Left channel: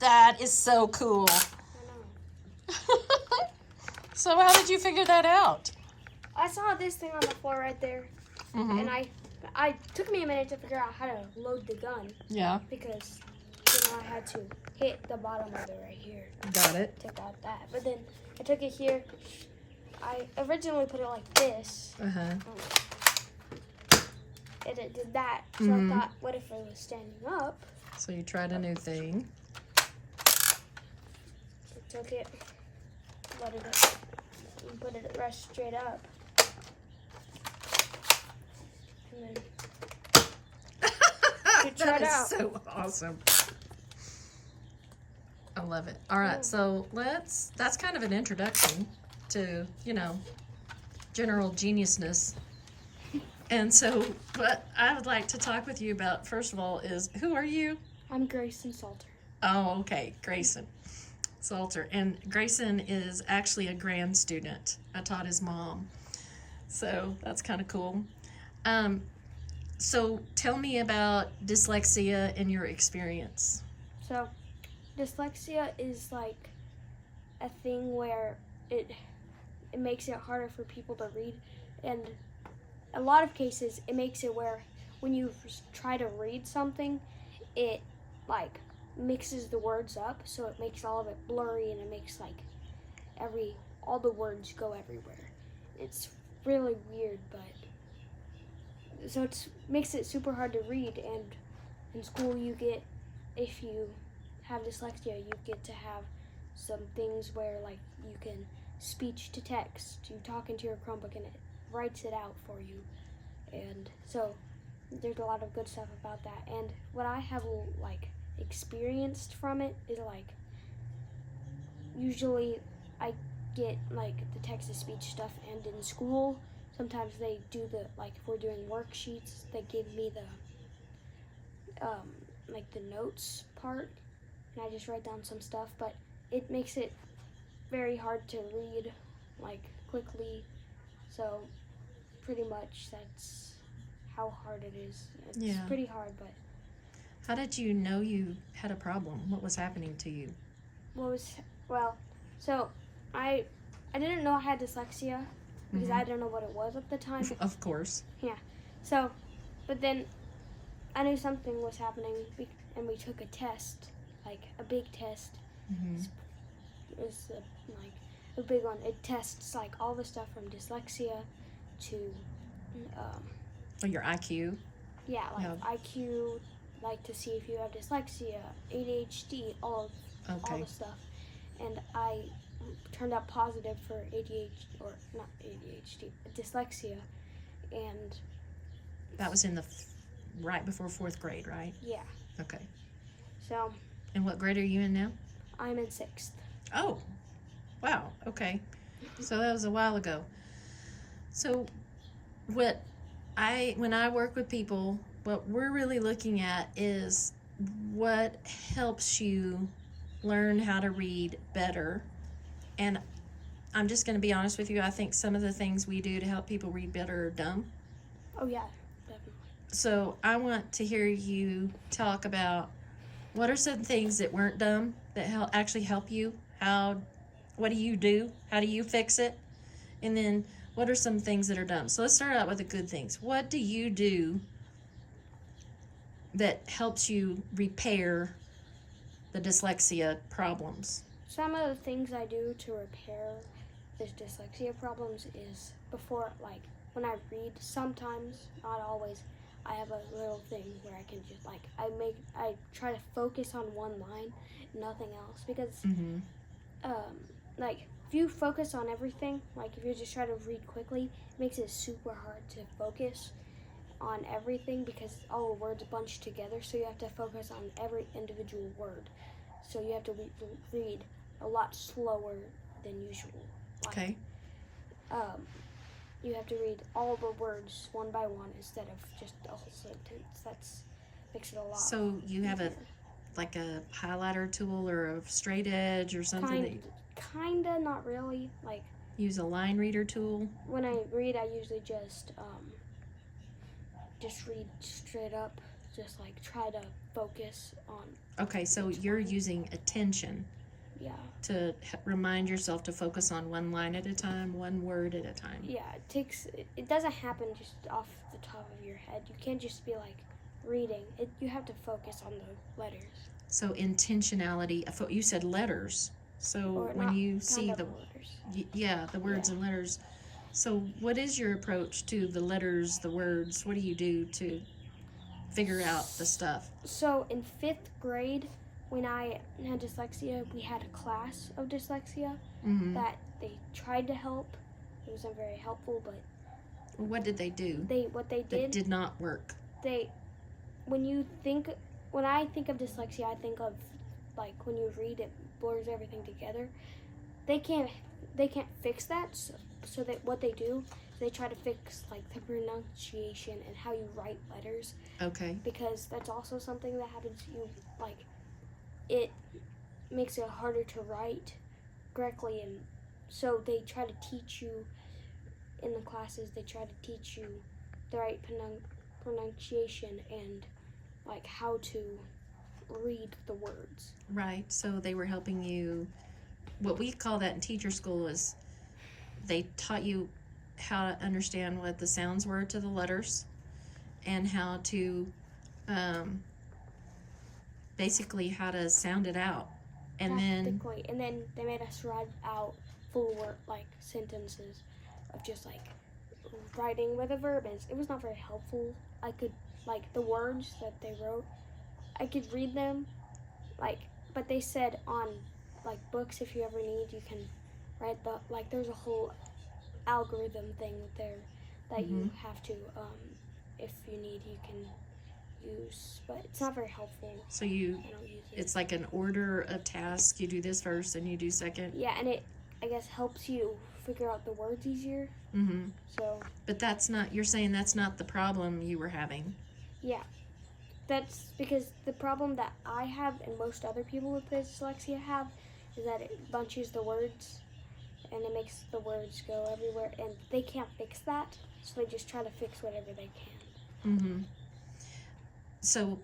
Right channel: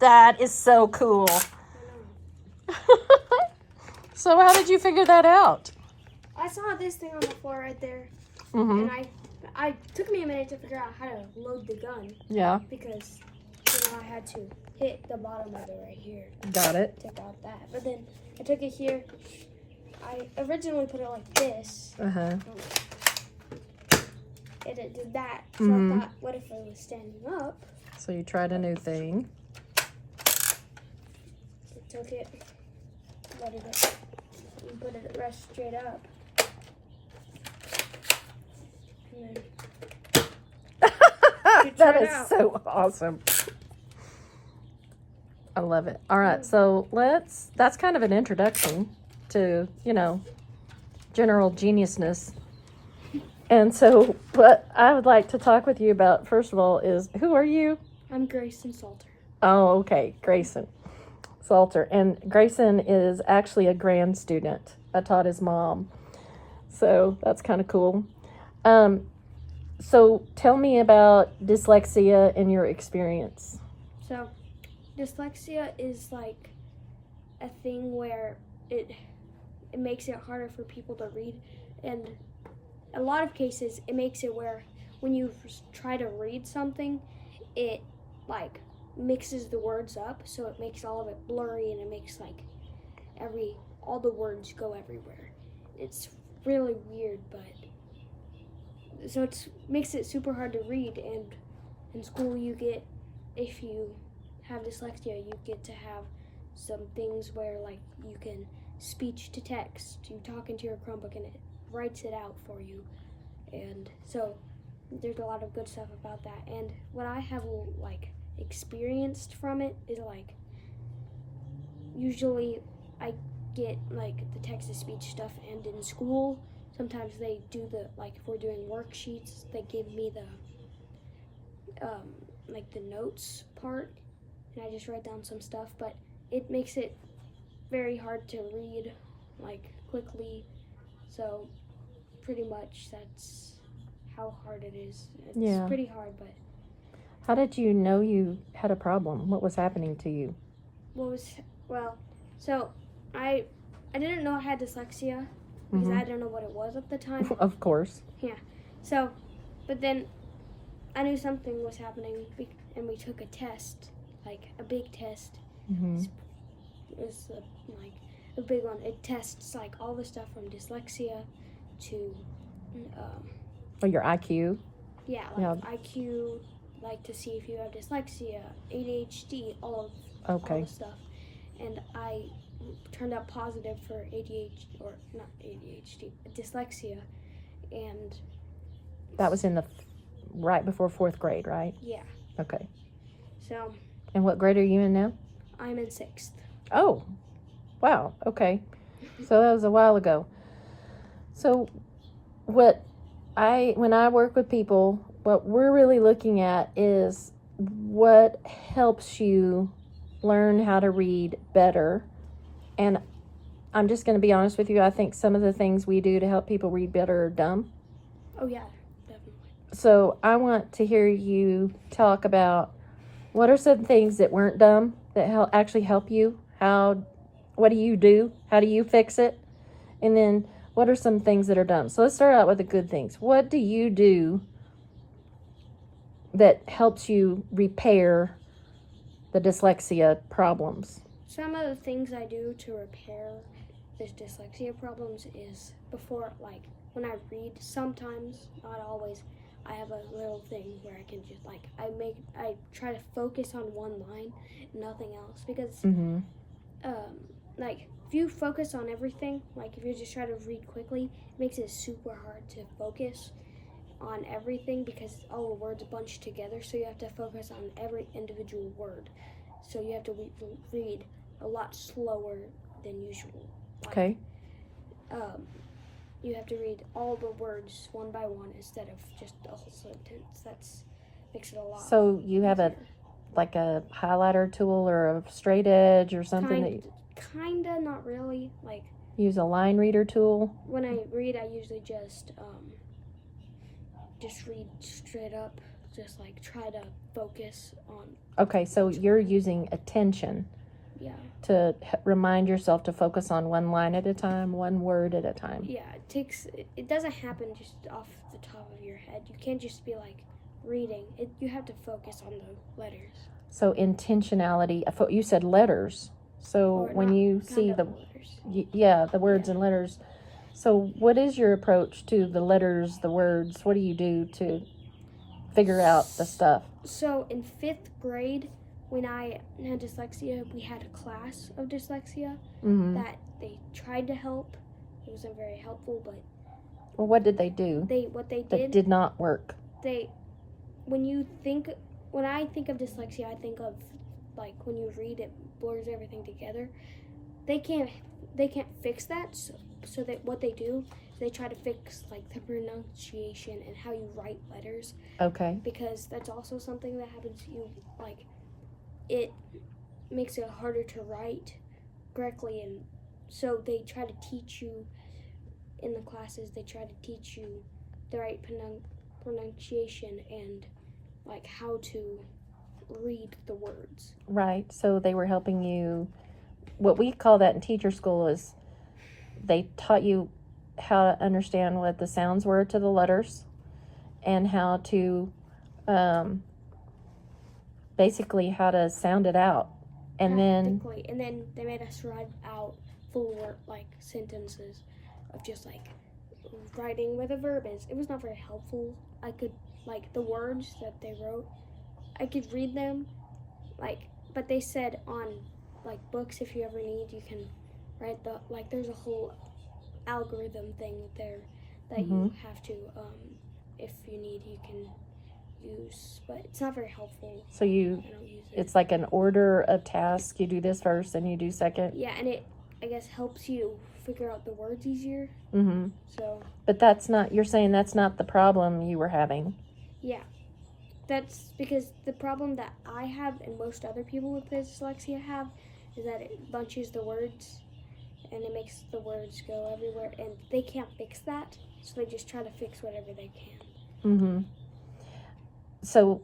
That is so cool. So how did you figure that out? I saw this thing on the floor right there, Mm-hmm. and I took me a minute to figure out how to load the gun. Yeah. Because I had to hit the bottom of it right here. Got it. Took out that, but then I took it here. I originally put it like this. Uh-huh. And it did that. So Mhm. I thought, what if it was standing up? So you tried a new thing. I took it, loaded it, and put it right straight up. And then That it is out. so awesome. I love it. All right, so that's kind of an introduction to, general geniusness. And so what I would like to talk with you about, first of all, is who are you? I'm Grayson Salter. Oh, okay, Grayson Salter. And Grayson is actually a grand student. I taught his mom. So that's kind of cool. So tell me about dyslexia and your experience. So, dyslexia is like a thing where it makes it harder for people to read, and a lot of cases it makes it where when you try to read something, it like mixes the words up, so it makes all of it blurry, and it makes like all the words go everywhere. It's really weird, but so it makes it super hard to read. And in school if you have dyslexia, you get to have some things where like you can speech to text. You talk into your Chromebook and it writes it out for you. And so there's a lot of good stuff about that. And what I have like experienced from it is like usually I get like the text to speech stuff, and in school sometimes they do if we're doing worksheets, they give me the like the notes part, and I just write down some stuff, but it makes it very hard to read like quickly. So pretty much that's how hard it is. It's pretty hard, but How did you know you had a problem? What was happening to you? So I didn't know I had dyslexia because I didn't know what it was at the time. Of course. Yeah. So, but then I knew something was happening, and we took a test, like a big test. Mm-hmm. It was like a big one. It tests like all the stuff from dyslexia to, Your IQ. yeah, IQ, like to see if you have dyslexia, ADHD, all the stuff. And I turned out positive for dyslexia, and That was in right before 4th grade, right? yeah. Okay. So And what grade are you in now? I'm in 6th. Oh, wow. Okay. So that was a while ago. So when I work with people, what we're really looking at is what helps you learn how to read better. And I'm just going to be honest with you. I think some of the things we do to help people read better are dumb. Oh yeah, definitely. So I want to hear you talk about what are some things that weren't dumb that actually help you. What do you do? How do you fix it? And then what are some things that are dumb? So let's start out with the good things. What do you do that helps you repair the dyslexia problems? Some of the things I do to repair this dyslexia problems is before, like, when I read, sometimes, not always, I have a little thing where I can just, like, I try to focus on one line, nothing else, because, like, if you focus on everything, like, if you just try to read quickly, it makes it super hard to focus on everything because all the words bunch together, so you have to focus on every individual word. So you have to read a lot slower than usual. Like, Okay. You have to read all the words one by one instead of just the whole sentence. That's makes it a lot. So you have easier. like a highlighter tool or a straight edge or something? Kinda, not really. Like, Use a line reader tool? when I read, I usually just read straight up. just like try to focus on. Okay, so you're using attention Yeah. to remind yourself to focus on one line at a time, one word at a time. Yeah, it doesn't happen just off the top of your head. You can't just be like reading. You have to focus on the letters. So intentionality, you said letters. So Or when not you see kind the, of letters. the words and letters. So what is your approach to the letters, the words? What do you do to figure out the stuff? So in 5th grade, when I had dyslexia, we had a class of dyslexia that they tried to help. It wasn't very helpful, but well, what did they do? What they that did not work? When I think of dyslexia, I think of like when you read, it blurs everything together. They can't fix that. So that what they do is they try to fix like the pronunciation and how you write letters. Okay. Because that's also something that happens to you. Like, it makes it harder to write correctly, and so they try to teach you in the classes. They try to teach you the right pronunciation and like how to read the words. Right. So they were helping you. What we call that in teacher school is they taught you how to understand what the sounds were to the letters and how to basically how to sound it out. And then they made us write out full word like sentences of just like writing where the verb is. It was not very helpful. I could like the words that they wrote, I could read them, but they said on like books, if you ever need, you can write there's a whole algorithm thing that you have to if you need, you can use, but it's not very helpful. So I don't use it. It's like an order of tasks. You do this first and you do second. Yeah, and it I guess helps you figure out the words easier. So. But you're saying that's not the problem you were having. Yeah, that's because the problem that I have and most other people with dyslexia have is that it bunches the words and it makes the words go everywhere, and they can't fix that, so they just try to fix whatever they can. So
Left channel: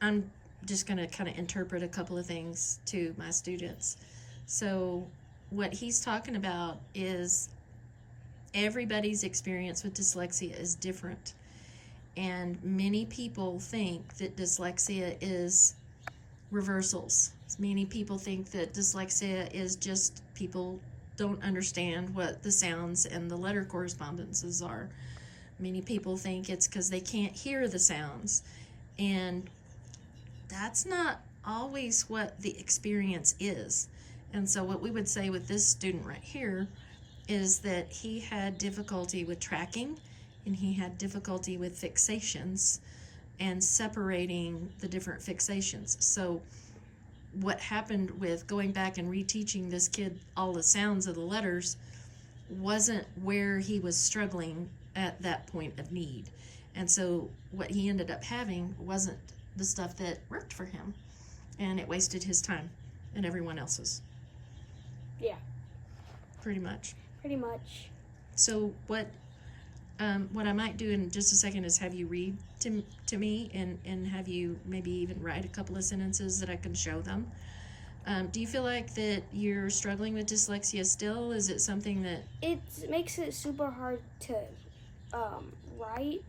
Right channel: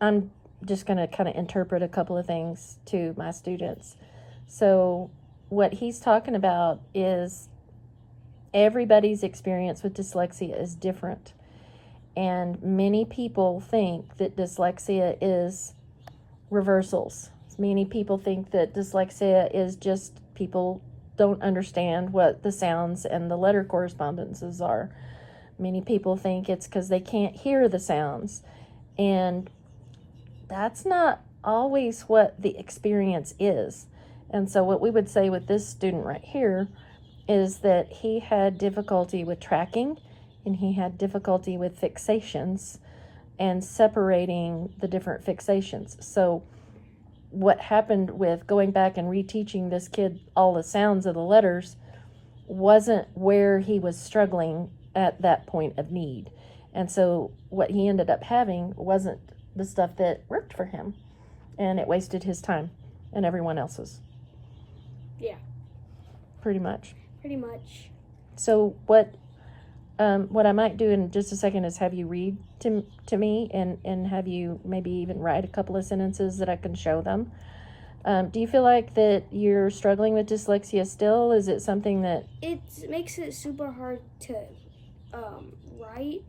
I'm just going to kind of interpret a couple of things to my students. So what he's talking about is everybody's experience with dyslexia is different. And many people think that dyslexia is reversals. Many people think that dyslexia is just people don't understand what the sounds and the letter correspondences are. Many people think it's because they can't hear the sounds. And that's not always what the experience is. And so what we would say with this student right here is that he had difficulty with tracking, and he had difficulty with fixations and separating the different fixations. So what happened with going back and reteaching this kid all the sounds of the letters wasn't where he was struggling at that point of need. And so what he ended up having wasn't the stuff that worked for him, and it wasted his time and everyone else's. Yeah. Pretty much. So what I might do in just a second is have you read to me and have you maybe even write a couple of sentences that I can show them. Do you feel like that you're struggling with dyslexia still? Is it something that... It makes it super hard to write.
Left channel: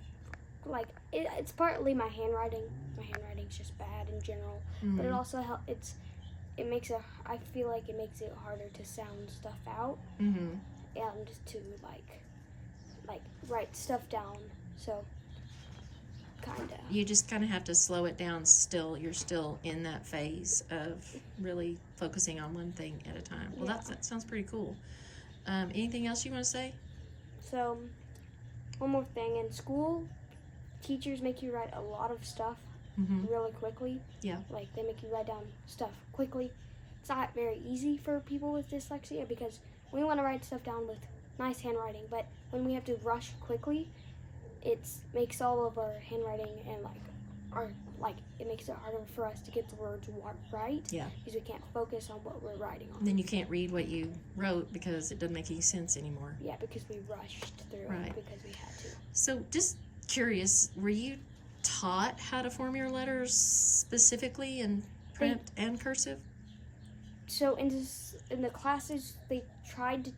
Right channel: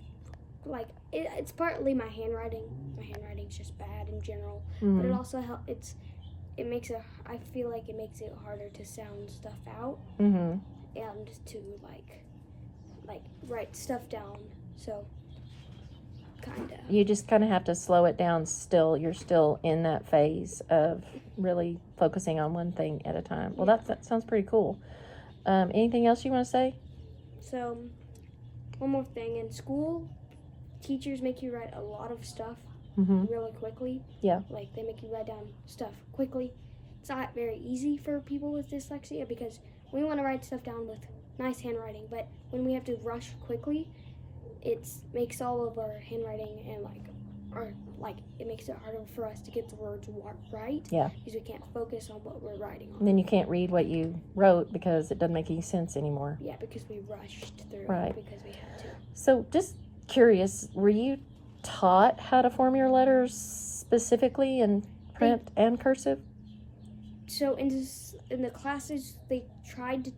Like, it's partly my handwriting. My handwriting's just bad in general. But it also helps. I feel like it makes it harder to sound stuff out. And to like write stuff down. So kinda. You just kind of have to slow it down still. You're still in that phase of really focusing on one thing at a time. Well, that sounds pretty cool. Anything else you want to say? So, one more thing. In school, teachers make you write a lot of stuff really quickly. Yeah. Like, they make you write down stuff quickly. It's not very easy for people with dyslexia because we want to write stuff down with nice handwriting, but when we have to rush quickly, it makes all of our handwriting and it makes it harder for us to get the words right. Yeah. Because we can't focus on what we're writing on. And then you can't read what you wrote because it doesn't make any sense anymore. Yeah, because we rushed through right. it because we had to. So just curious, were you taught how to form your letters specifically in print and cursive? So in the classes, they tried to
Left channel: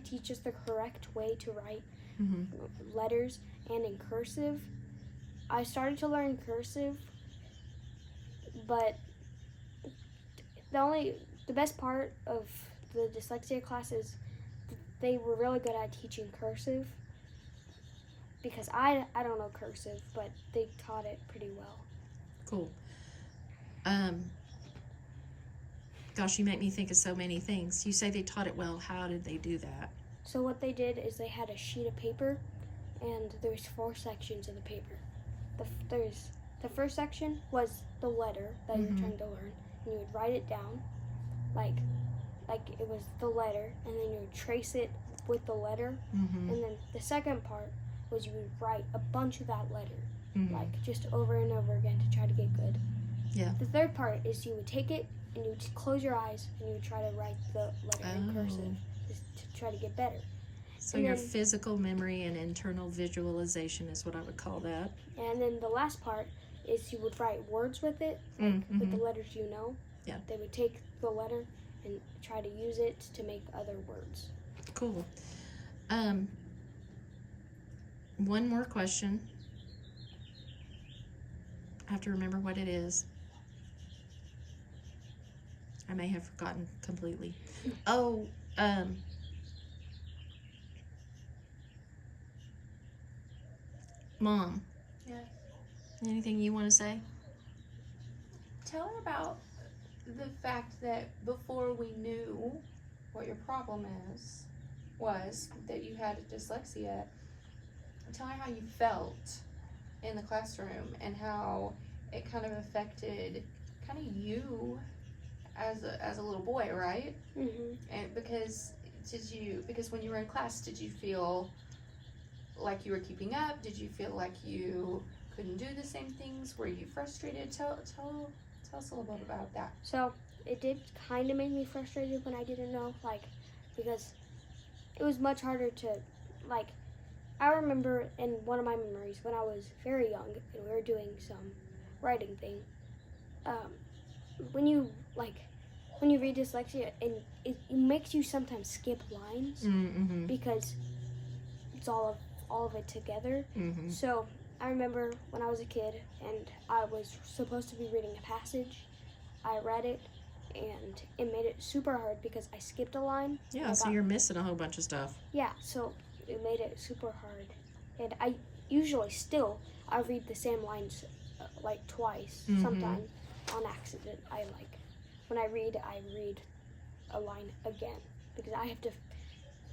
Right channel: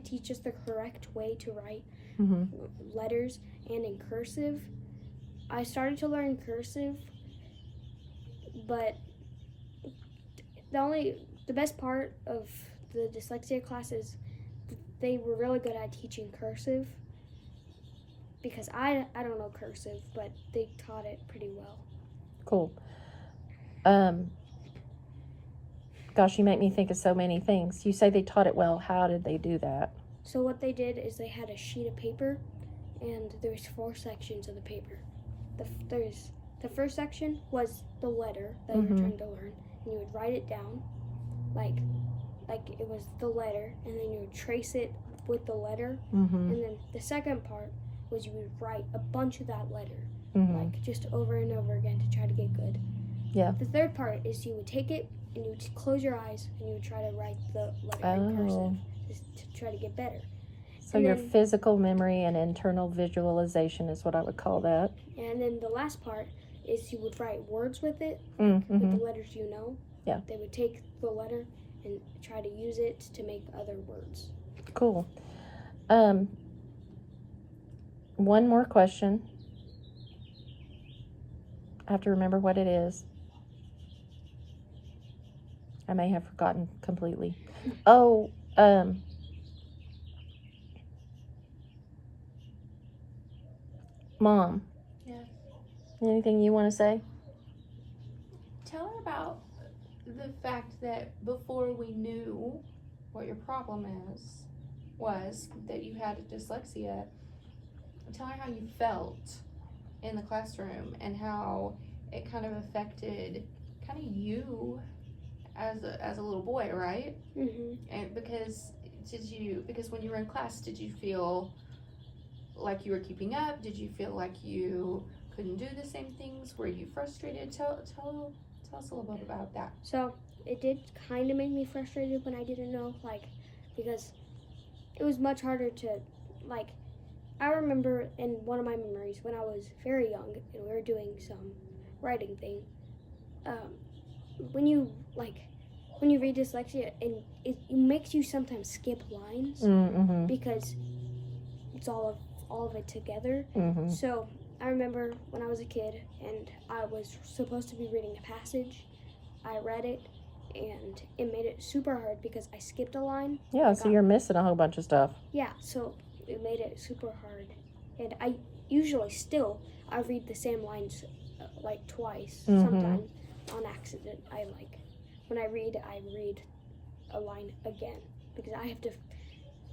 teach us the correct way to write letters, and in cursive. I started to learn cursive, but the best part of the dyslexia classes, they were really good at teaching cursive, because I don't know cursive, but they taught it pretty well. Cool. Gosh, you make me think of so many things. You say they taught it well. How did they do that? So what they did is they had a sheet of paper, and there's 4 sections of the paper. The first section was the letter that you're trying to learn, and you would write it down, like it was the letter, and then you would trace it with the letter, and then the second part was you would write a bunch of that letter, like just over and over again to try to get good. Yeah. The third part is you would take it and you would close your eyes and you would try to write the letter in cursive just to try to get better. So and your then, physical memory and internal visualization is what I would call that. And then the last part is you would write words with it, like with the letters you know. Yeah. They would take the letter and try to use it to make other words. Cool. One more question. I have to remember what it is. I may have forgotten completely. Oh, Mom. Yeah. Anything you want to say? Tell her about the fact that before we knew what your problem was that you had dyslexia. Tell her how you felt in the classroom and how it kind of affected kind of you as a little boy, right? And because when you were in class, did you feel like you were keeping up? Did you feel like you couldn't do the same things? Were you frustrated? Tell us a little bit about that. So it did kind of make me frustrated when I didn't know, because it was much harder to, I remember in one of my memories when I was very young and we were doing some writing thing, when you read dyslexia, and it makes you sometimes skip lines because it's all of it together. So I remember when I was a kid and I was supposed to be reading a passage, I read it and it made it super hard because I skipped a line. Yeah, so you're missing a whole bunch of stuff. Yeah, so it made it super hard. And I usually I read the same lines twice, sometimes on accident. When I read a line again because I have to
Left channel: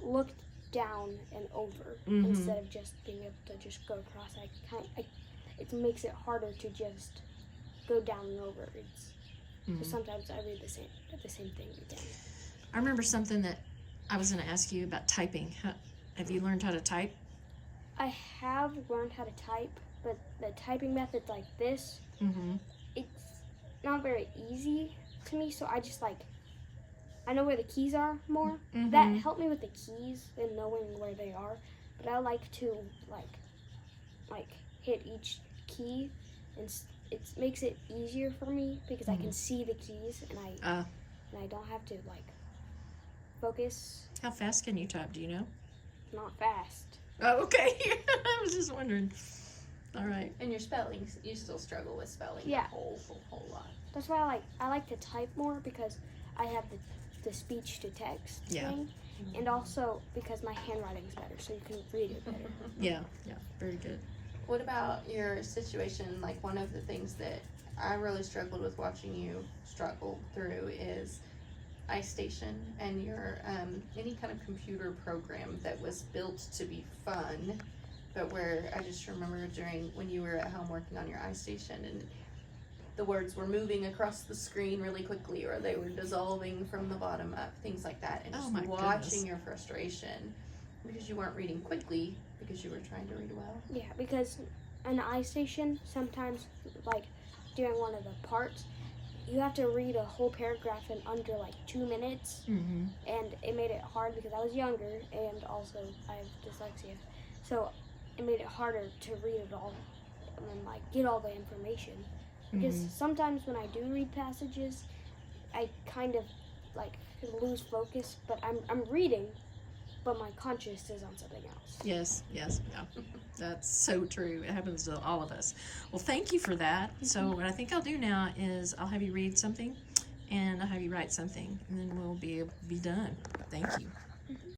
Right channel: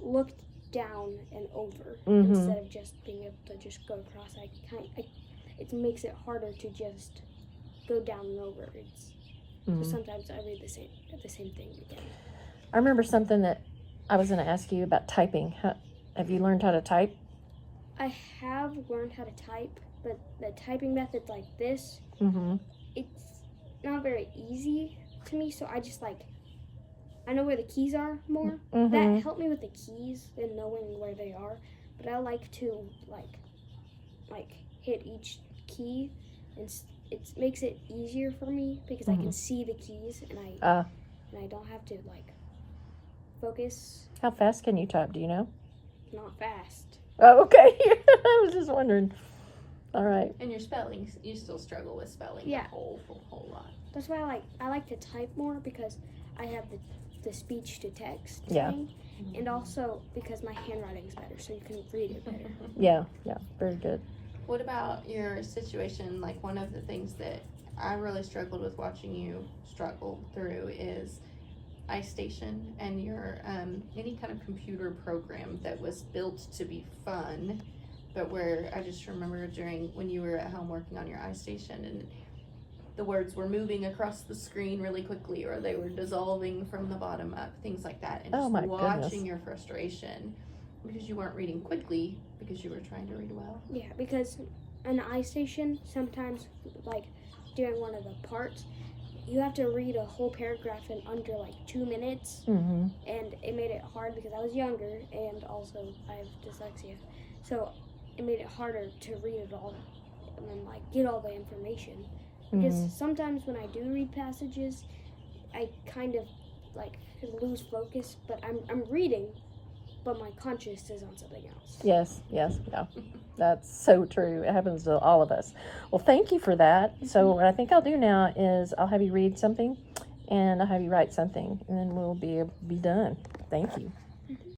look down and over instead of just being able to just go across. It makes it harder to just go down and over. So sometimes I read the same thing again. I remember something that I was going to ask you about typing. Have you learned how to type? I have learned how to type, but the typing methods like this, it's not very easy to me, so I just I know where the keys are more. That helped me with the keys and knowing where they are, but I like to hit each key, and it makes it easier for me because I can see the keys and I don't have to focus. How fast can you type? Do you know? Not fast. Oh, okay. I was just wondering. All right. And your spelling, you still struggle with spelling. Yeah. A whole lot. That's why I like to type more because I have the speech to text thing, and also because my handwriting's better, so you can read it better. Yeah, very good. What about your situation? One of the things that I really struggled with watching you struggle through is iStation and your any kind of computer program that was built to be fun, but where I just remember when you were at home working on your iStation and the words were moving across the screen really quickly, or they were dissolving from the bottom up, things like that, and just watching your frustration because you weren't reading quickly because you were trying to read well. Yeah, because an iStation sometimes, during one of the parts, you have to read a whole paragraph in under 2 minutes, and it made it hard because I was younger and also I have dyslexia, so it made it harder to read it all and then like get all the information. Because sometimes when I do read passages, I kind of like lose focus, but I'm reading, but my conscious is on something else. Yes, yeah. That's so true. It happens to all of us. Well, thank you for that. So what I think I'll do now is I'll have you read something, and I'll have you write something, and then we'll be done. Thank you.